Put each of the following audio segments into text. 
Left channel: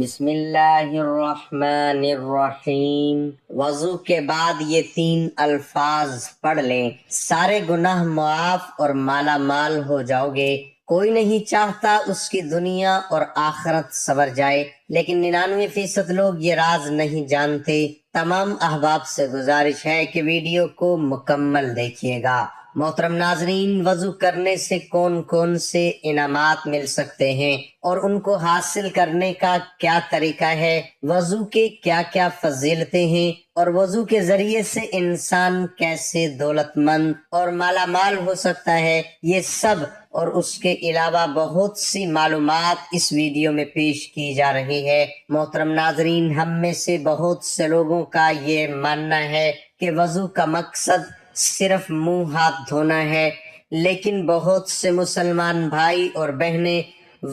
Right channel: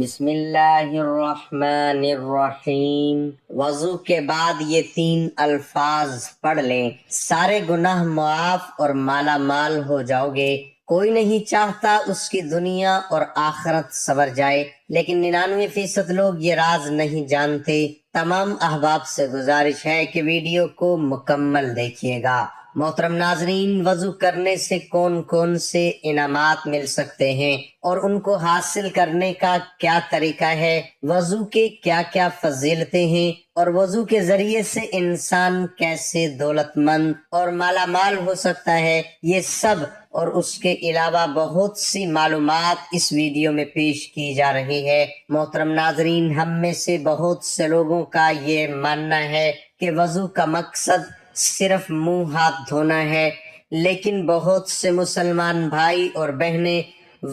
بسم اللہ الرحمن الرحیم۔ وضو کے بعد یہ 3 الفاظ پڑھ لیں، سارے گناہ معاف اور مالا مال ہو جاؤ گے۔ کوئی نہیں چاہتا اس کی دنیا اور آخرت سنور جائے، لیکن 99% لوگ یہ راز نہیں جانتے۔ تمام احباب سے گزارش ہے کہ ویڈیو کو مکمل دیکھیے گا۔ محترم ناظرین، وضو کرنے سے کون کون سے انعامات مل سکتے ہیں اور ان کو حاصل کرنے کا کیا طریقہ ہے، وضو کے کیا کیا فضیلتیں ہیں، اور وضو کے ذریعے سے انسان کیسے دولت مند اور مالا مال ہو سکتا ہے، یہ سب اور اس کے علاوہ بہت سی معلومات اس ویڈیو میں پیش کی جا رہی ہے۔ محترم ناظرین، ہم میں سے بہت سے لوگوں کا یہ ماننا ہے کہ وضو کا مقصد صرف منہ ہاتھ دھونا ہے، لیکن بہت سے مسلمان بھائی اور بہنیں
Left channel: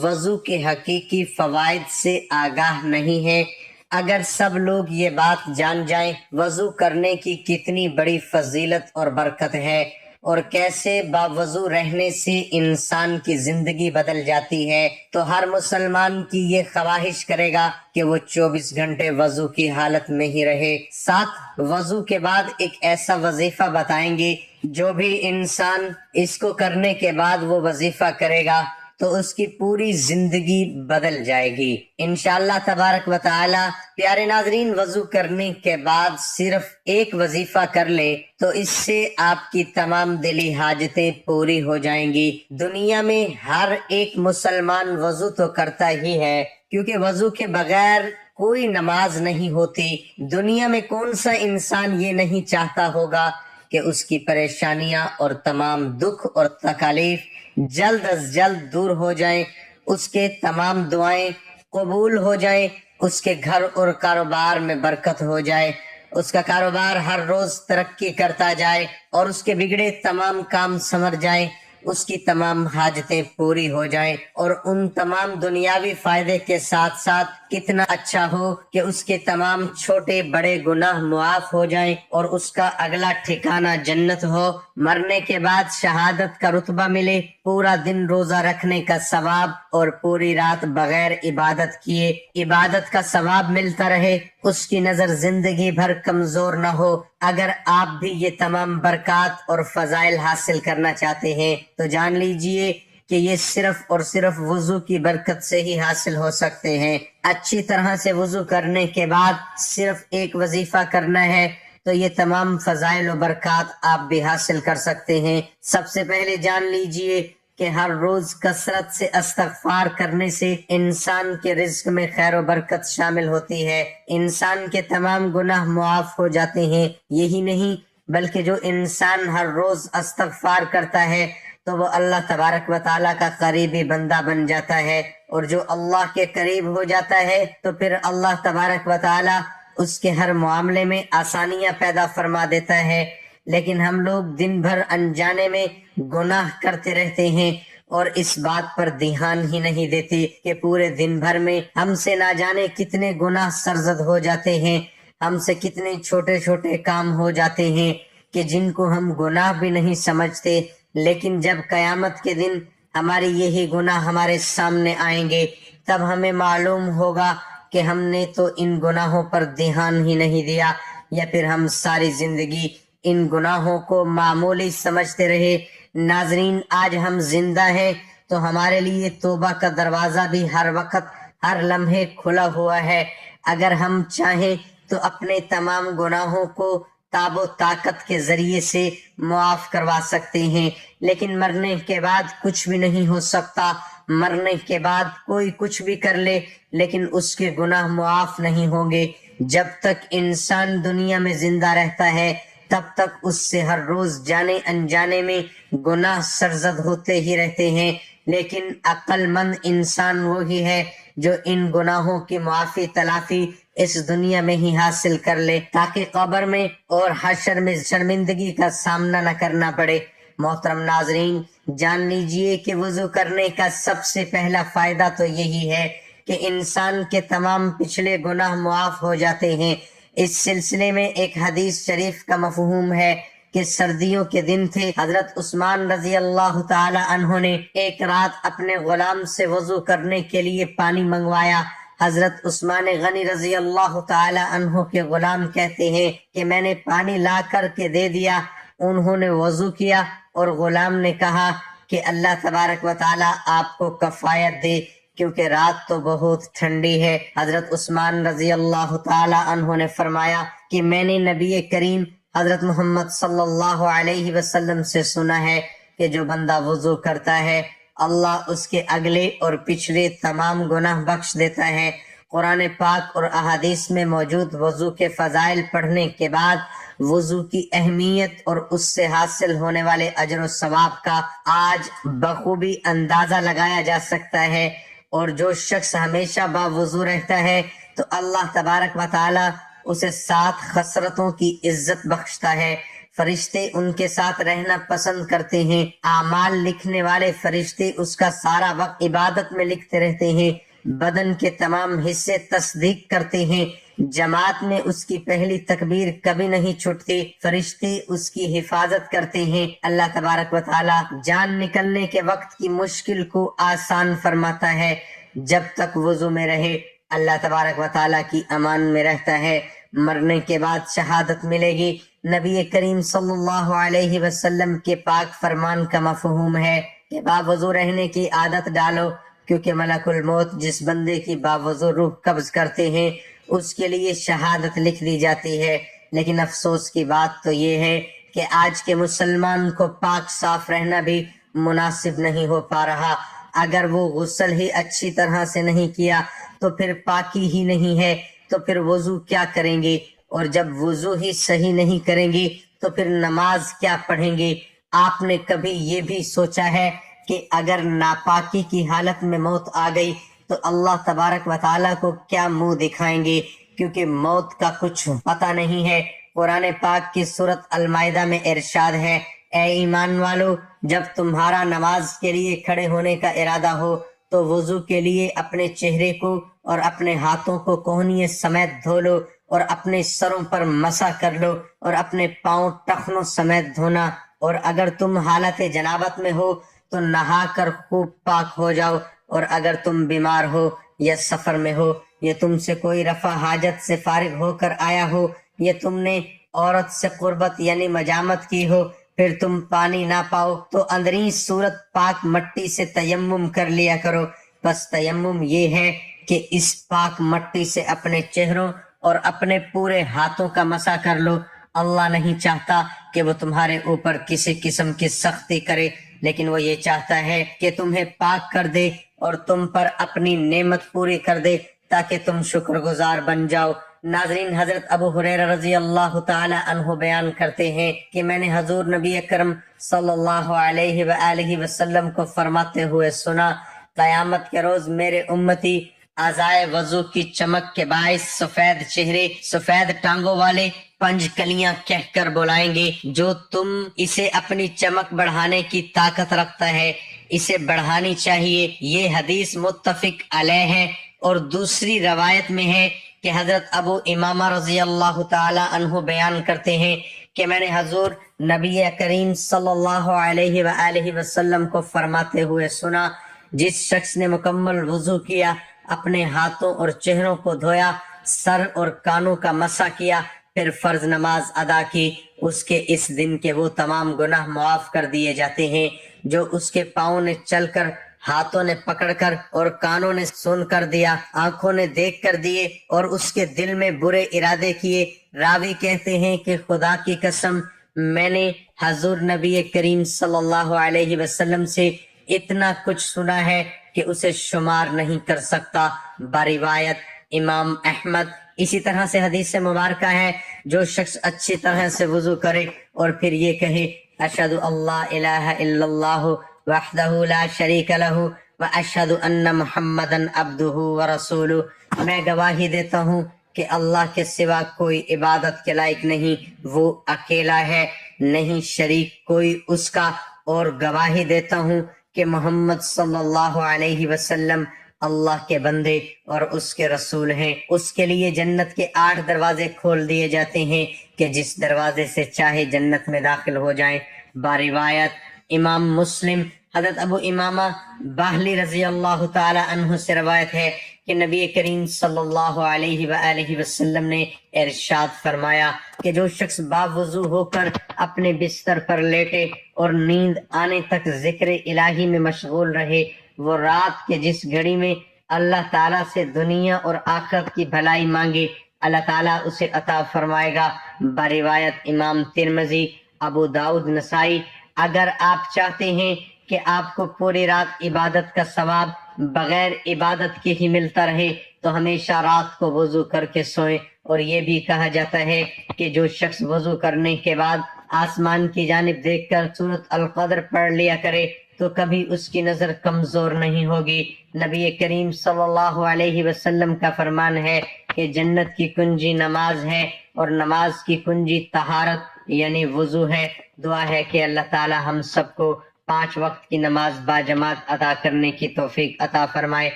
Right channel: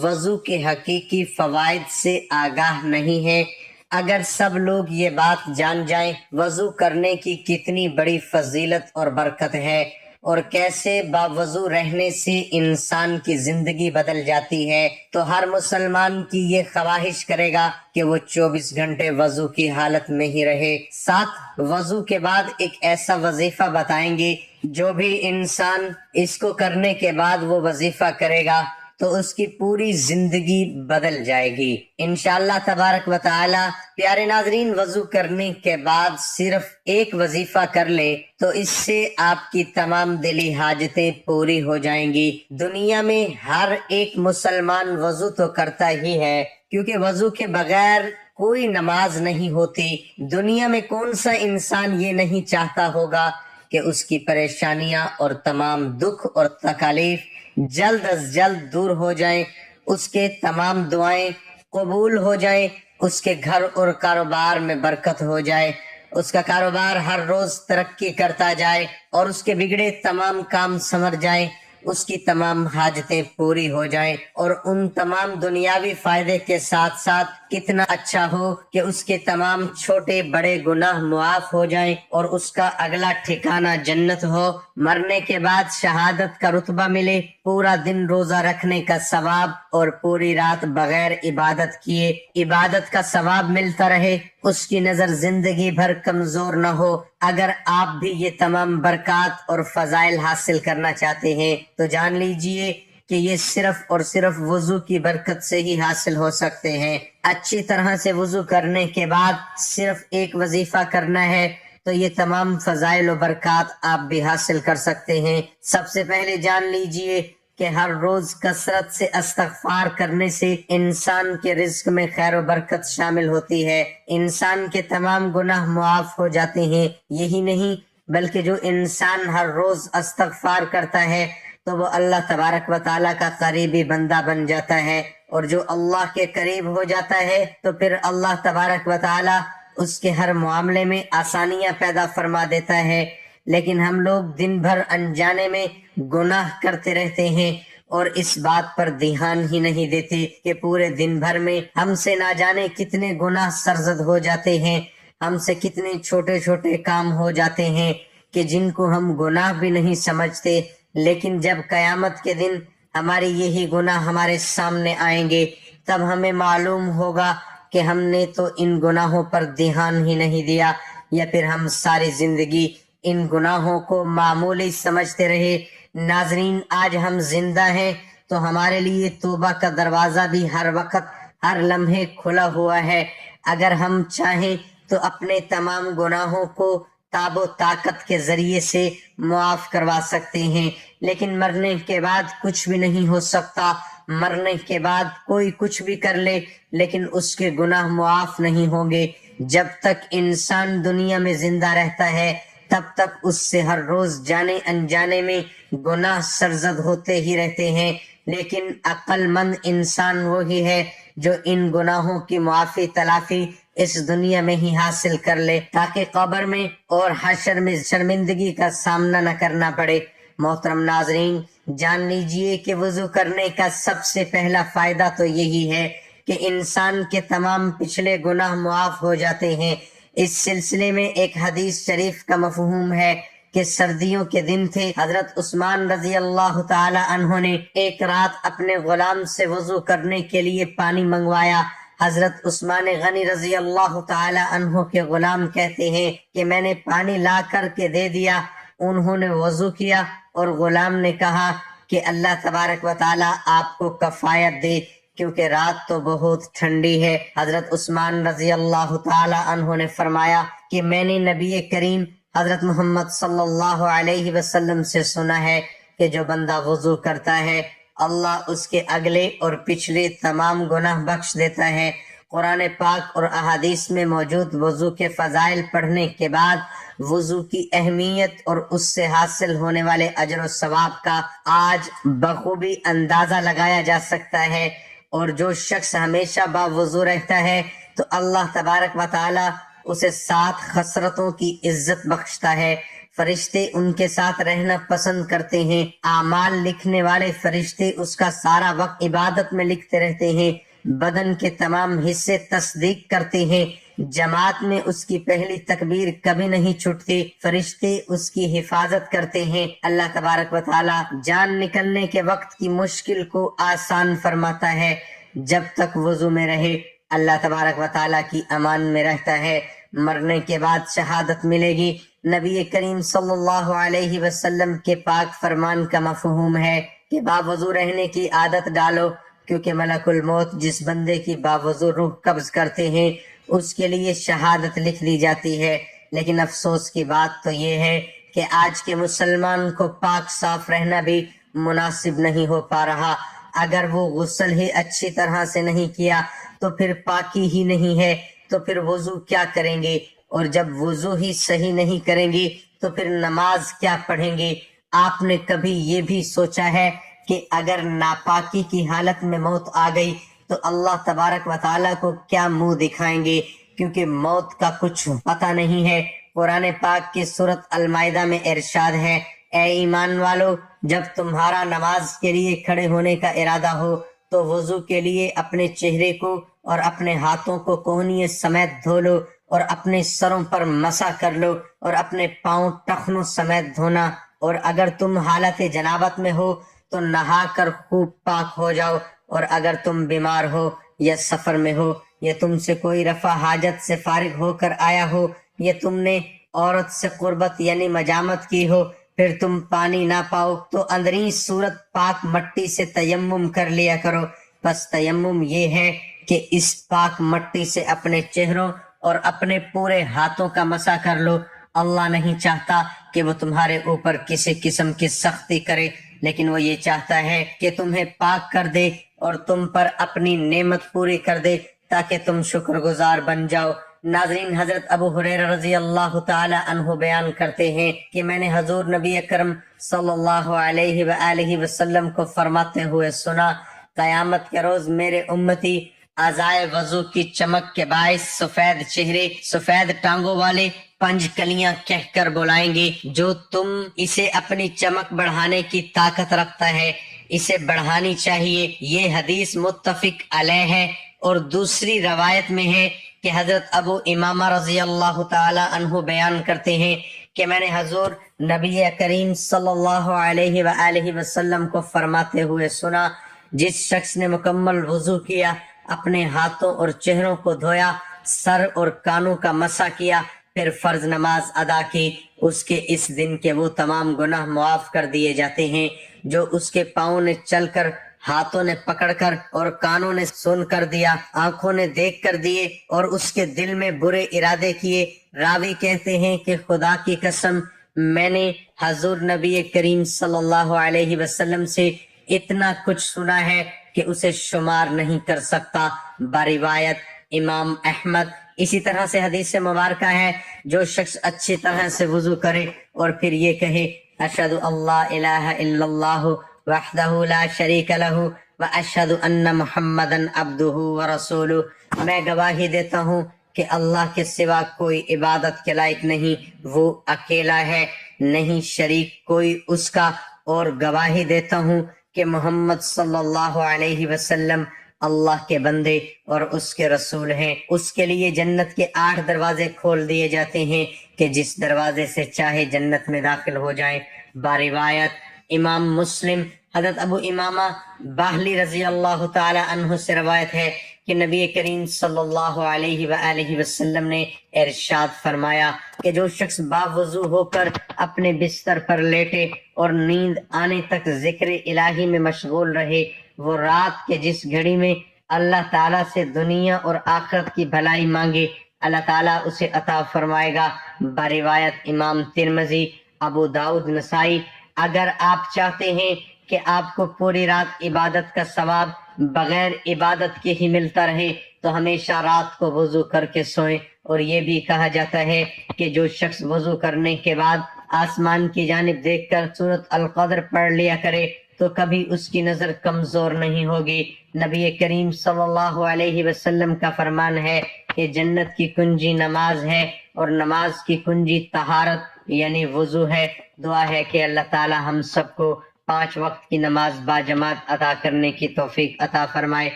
وضو کے حقیقی فوائد سے آگاہ نہیں ہیں۔ اگر سب لوگ یہ بات جان جائیں وضو کرنے کی کتنی بڑی فضیلت اور برکت ہے اور کیسے باوضو رہنے سے انسان کی زندگی بدل جاتی ہے، تو ہر مسلمان کی یہ خواہش کرے گا کہ وہ 24 گھنٹے وضو کی حالت میں ہی رہے۔ ساتھ وضو کے بعد ایک ایسا وظیفہ بتائیں گے جو بھی انسان اس کو کرنے کے بعد وہ وظیفہ کرے گا تو اس کی پوری زندگی بدل جائے گی انشاءاللہ تبارک و تعالی۔ پیارے ناظرین، وضو کرنے کے بعد صرف ایک وظیفہ کر لیں تو اس سے آپ کی تمام دلی حاجتیں پوری ہو جائیں گی۔ دنیا میں ہر ایک مسلمان وضو تو کرتا ہی ہے، کیونکہ وضو کے بغیر کوئی نماز نہیں ہوتی۔ دنیا میں کون سا انسان یہ نہیں چاہتا ہوگا کہ اس کی پریشانیاں اور تمام دکھ اور تکالیف جلد از جلد دور ہو جائیں، اس کے تمام دعائیں قبول ہو جائیں، اس کے گھر اور کاروبار میں برکت ہو جائے، اس کا کاروبار ہر روز ترقی کرتا جائے اور اس کے بگڑے تمام کام سنور جائیں، اس کی تمام حاجتیں پوری ہو جائیں، اور ان تمام دنیاوی فائدے کے ساتھ ساتھ کتنا اچھا ہو کہ اس کے تمام چھوٹے بڑے گناہ معاف ہو جائیں اور اس کا اگلا ٹھکانہ جنت ہو، مرنے کے بعد شہادت کا رتبہ ملے، پورا دن روزہ رکھنے کا ثواب اور پوری رات بغیر عبادت کیے عبادت کا ثواب ملتا رہے، اس کی نظر زندگی بھر کمزور نہ ہو۔ اگر آپ بھی یہ تمام برکات اور فضائل حاصل کرنا چاہتے ہیں تو جان لیجئے کہ یہ صرف اور صرف وضو کی برکت سے ہی حاصل ہو سکتے ہیں۔ اچھی طرح سے وضو کرنے کے بعد صرف ایک وظیفہ کرنا ہے تو یہ تمام فضائل و برکات آپ بھی حاصل کر سکتے ہیں۔ سب سے پہلے جان لیجئے کہ ہر روز کثرت سے استغفار کرنے سے انسان کے رزق میں خیر و برکت شامل ہوتی ہے، انسان کے تمام گناہ معاف ہو جاتے ہیں۔ یہی نہیں بلکہ جو انسان ہر روز استغفار کرتا ہے تو وہ اللہ تبارک و تعالیٰ کا قریبی بندہ بن جاتا ہے، اور جو اللہ کے قریب ہو جاتا ہے تو پھر اللہ تبارک و تعالیٰ اس کے ہر معاملے میں آسانیاں پیدا فرما دیتا ہے۔ لیکن ہم لوگ دن بھر انجانے میں گناہ کرتے رہتے ہیں اور اس بات پر دھیان ہی نہیں دیتے کہ پورے دن بھر میں ہم سے نہ جانے کتنے گناہ سرزد ہو جاتے ہیں، ہم سے کتنے چھوٹے چھوٹے کام ہو جاتے ہیں کہ جن کو ہم گناہ بھی نہیں سمجھتے، لیکن جب قیامت کے دن ہماری یہی گناہ ہمارے سامنے آئیں گے تب ہمیں معلوم ہوگا کہ ہم نے تو ان گناہوں پر دھیان ہی نہیں دیا، یا پھر ہم ساری زندگی ان گناہوں کو معمولی سمجھتے رہے۔ ناظرین، آج ہم زندہ ہیں تو ہمارے لیے توبہ کا دروازہ بھی ہر وقت ہر لمحے کھلا ہوا ہے۔ اگر ہم چاہیں تو اپنے تمام گناہوں کو تاب و طاقت کے ذریعے سے معاف کروا سکتے ہیں، لیکن مرنے کے بعد کچھ بھی نہیں ہو سکتا۔ مرنے کے بعد کوئی کچھ بھی کر لے لیکن اس کے گناہ معاف نہیں ہوں گے۔ جب تک انسان دنیا میں زندہ رہتا ہے تب تک اس سے ہر روز جانے انجانے میں گناہ سرزد ہوتے ہی رہتے ہیں، لیکن عقل مند انسان وہی ہے جو ان گناہوں کی معافی تلافی اس دنیا میں ہی حاصل کر لے تاکہ قبر میں اور حشر میں شرمندگی کا سامنا نہ کرنا پڑے۔ محترم ناظرین، جان لیجئے کہ وضو کرنے کا سب سے پہلا فائدہ تو یہی ہے کہ انسان کے تمام پچھلے گناہ معاف ہو جاتے ہیں۔ اس سلسلے میں ایک حدیث شریف کا مفہوم ہے کہ سردیوں کے دن تھے، حضرت عثمان رضی اللہ تعالی عنہ نے ایک رات اپنے غلام سے وضو کرنے کے لیے پانی منگوایا۔ حضرت عثمان غنی رضی اللہ تعالی عنہ کے غلام کہتے ہیں کہ میں نے پانی لا کر کے دے دیا، انہوں نے وضو کیا اور غلام نے کہا کہ اللہ تبارک و تعالی آپ کو کفایت دے کیونکہ رات تو بہت ٹھنڈی ہے۔ حضرت عثمان رضی اللہ تعالی عنہ نے فرمایا کہ میں نے نبی کریم حضرت محمد صلی اللہ علیہ وسلم سے سنا ہے کہ جو بندہ وضو کرتا ہے اللہ اس کے اگلے اور پچھلے تمام گناہ بخش دیتا ہے۔ قرآن پاک اور احادیث میں موجود وضو کے فضائل پڑھنے کے بعد وضو کی اہمیت اور اس سے حاصل ہونے والے اجر و ثواب کا آج بخوبی اندازہ لگایا جا سکتا ہے، اور جو شخص ہمیشہ باوضو رہتا ہے تو اللہ تبارک و تعالی اسے 7 خصلتوں کی عزت بخشتا ہے۔ فرشتے ان کے ساتھ رہنا پسند کرتے ہیں، اعمال لکھنے والے فرشتے اس کا سارا وقت عبادت میں لکھتے رہتے ہیں، بدن کے تمام حصے تصدیق کرتے ہیں، جماعت میں اس کی پہلی تکبیر کبھی نہیں چھٹتی، فرشتے اس کی حفاظت کرتے ہیں۔ اللہ تبارک و تعالی جان نکلنے کے وقت کی مشکل کو آسان فرماتا ہے۔ جب تک وضو میں رہے اللہ تبارک و تعالی کی امان میں رہتا ہے، مرنے کے بعد شہادت ملے گی۔ نبی کریم صلی اللہ علیہ وسلم کے پاک فرمان کا مفہوم ہے کہ باوضو رہنے کی عادت ڈالو، کیونکہ ملک الموت جس بندے کی باوضو روح قبض کرتے ہیں اس کے لیے شہادت لکھ دی جاتی ہے۔ لیکن افسوس کی بات تو یہ ہے کہ آج کے مسلمان کو پاک صاف رہنا بھی مناسب نہیں ہو پا رہا۔ اگر وہ غسل ہی اچھی طرح سے نہیں کیا تو پھر پاکی ہی نہیں ہے، تو پھر وضو کیا کریں گے؟ اور جب وضو ہی صحیح نہیں کریں گے تو پھر نماز کیا پڑھیں گے؟ آپ نے کبھی یہ بھی سوچا ہے کہ اگر ناپاکی کی حالت میں موت آ گئی تو اللہ تبارک و تعالیٰ کو کیا منہ دکھائیں گے؟ کیونکہ موت کا کچھ پتہ نہیں ہے۔ قرآن پاک کی سورۃ المائدہ میں ارشاد ہے، اے ایمان والو، جب تمہارا نماز کے لیے کھڑے ہونے کا ارادہ ہو تو وضو کے لیے اپنے چہرے کو اور اپنے ہاتھوں کو کوہنیے سمیت دھو لو اور اپنے سروں پر مسح کر لو اور اپنے پاؤں ٹخنوں سمیت دھونا، اور اگر تم حالت جنابت میں ہو تو نہا کر خوب پاک ہو جاؤ، اور اگر تم بیمار ہو یا سفر میں ہو یا تم سے کوئی رفع حاجت سے فارغ ہو کر آیا ہو یا تم نے عورت سے قربت یعنی مجامت کی ہو، پھر تم پانی نہ پاؤ تو اندرین صورت پاک مٹی سے تیمم کر لیا کرو۔ بس تیمم یہ ہے کہ اس پاک مٹی سے اپنے چہروں اور اپنے پورے ہاتھوں کا مسح کر لو۔ اللہ نہیں چاہتا کہ وہ تمہارے اوپر کسی قسم کی سختی کرے، لیکن وہ یہ چاہتا ہے کہ تمہیں پاک کر دے اور تم پر اپنی نعمت پوری کر دے تاکہ تم شکر گزار بن جاؤ۔ ناظرین، حضرت ابو ہریرہ رضی اللہ تعالی عنہ بیان کرتے ہیں کہ میں نے حضور نبی اکرم صلی اللہ علیہ وآلہ وسلم کو فرماتے ہوئے سنا، قیامت کے روز میرے امتی اعضائے وضو کی چمک کے باعث سفید چہرے، سفید ٹانگوں والے 5 کلیاں کہہ کر بلائیں گے، جو تم اسے اپنی چمک بڑھانے کی طاقت رکھتا ہے اسے بڑھانی چاہیے۔ یہ حدیث متفق علیہ ہے، اور دوسری روایت میں ہے کہ حضرت ابو امامہ رضی اللہ تعالی عنہ بیان کرتے ہیں کہ میں نے حضور نبی کریم صلی اللہ علیہ وآلہ وسلم کو فرماتے ہوئے سنا، جس شخص نے مکمل وضو کیا، اپنے ہاتھوں اور چہروں کو دھویا، سر اور کانوں کا مسح کیا، پھر فرض نماز ادا کی، اس کے اس دن کے وہ تمام گناہ معاف کر دیے جاتے ہیں جو اس کے پاؤں نے چل کر، ہاتھوں نے پکڑ کر اور کانوں نے سن کر دیا، آنکھوں نے دیکھ کر دیے اور اس کے دل میں برے ارادے کیے۔ راوی کہتے ہیں کہ خدا کی قسم میں نے حضور نبی کریم صلی اللہ علیہ وسلم سے اتنا کچھ سنا ہے کہ اسے شمار نہیں کر سکتا۔ بروایت امام احمد۔ اسی طرح سے حدیث مبارکہ ہے، جو شخص اچھی طرح سے وضو کرے اور پھر یہ کہے، اشہد اللہ الہ الا اللہ وحدہ لا شریک لہ واشہد ان محمدا عبدہ ورسولہ، میں گواہی دیتا ہوں کہ اللہ کے سوا کوئی عبادت کے لائق نہیں، وہ اکیلا ہے، نہیں شریک کوئی اس کا، اور گواہی دیتا ہوں کہ محمد صلی اللہ علیہ وسلم اللہ کے بندے اور اس کے رسول ہیں۔ اس کے لیے جنت کے 8 دروازے کھول دیے جاتے ہیں کہ جس دروازے سے چاہے جنت میں داخل ہو جائیں۔ بروایت امام مسلم، حضرت ابو امامہ باہلی رضی اللہ تعالی عنہ سے روایت ہے کہ نبی کریم صلی اللہ علیہ وآلہ وسلم نے ارشاد فرمایا کہ جو شخص باوضو ہو کر اپنے بستر پر لیٹے اور نیند آنے تک ذکر الہی میں مشغول رہے، وہ رات کے جس گھڑی میں اللہ تعالیٰ سے دنیا اور آخرت کی بھلائی مانگے، اللہ تعالیٰ اسے عطا فرمائے گا۔ بروایت امام ترمذی، ابو داؤد، نسائی۔ اگر آپ چاہتے ہیں کہ آپ کو پوری رات عبادت کا ثواب بغیر عبادت کے ہی ملتا رہے تو ہمیشہ رات کو وضو کر کے سوئیں۔ اور یہ بھی کہا جاتا ہے کہ جو شخص وضو کرنے کے بعد آسمان کی جانب دیکھ کر سورۃ القدر پڑھ لیا کرے تو کبھی اس کی نظر کمزور نہیں ہوگی۔ نبی کریم صلی اللہ علیہ وسلم کا فرمان ہے کہ جنت کی کنجی نماز ہے اور نماز کی کنجی طہارت یعنی وضو ہے۔ دعا ہے کہ اللہ تعالی ہم سب کو 5 وقت کی نماز باجماعت ادا کرنے کی توفیق عطا فرمائے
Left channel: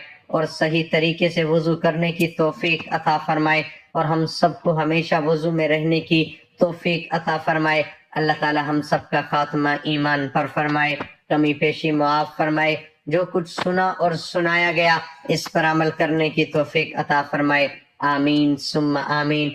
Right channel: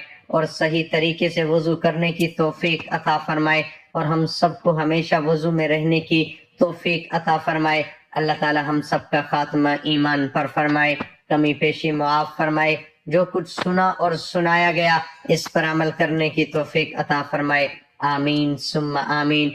اور صحیح طریقے سے وضو کرنے کی توفیق عطا فرمائے اور ہم سب کو ہمیشہ وضو میں رہنے کی توفیق عطا فرمائے۔ اللہ تعالی ہم سب کا خاتمہ ایمان پر فرمائے، کمی پیشی معاف فرمائے۔ جو کچھ سنا اور سنایا گیا اس پر عمل کرنے کی توفیق عطا فرمائے، آمین ثم آمین۔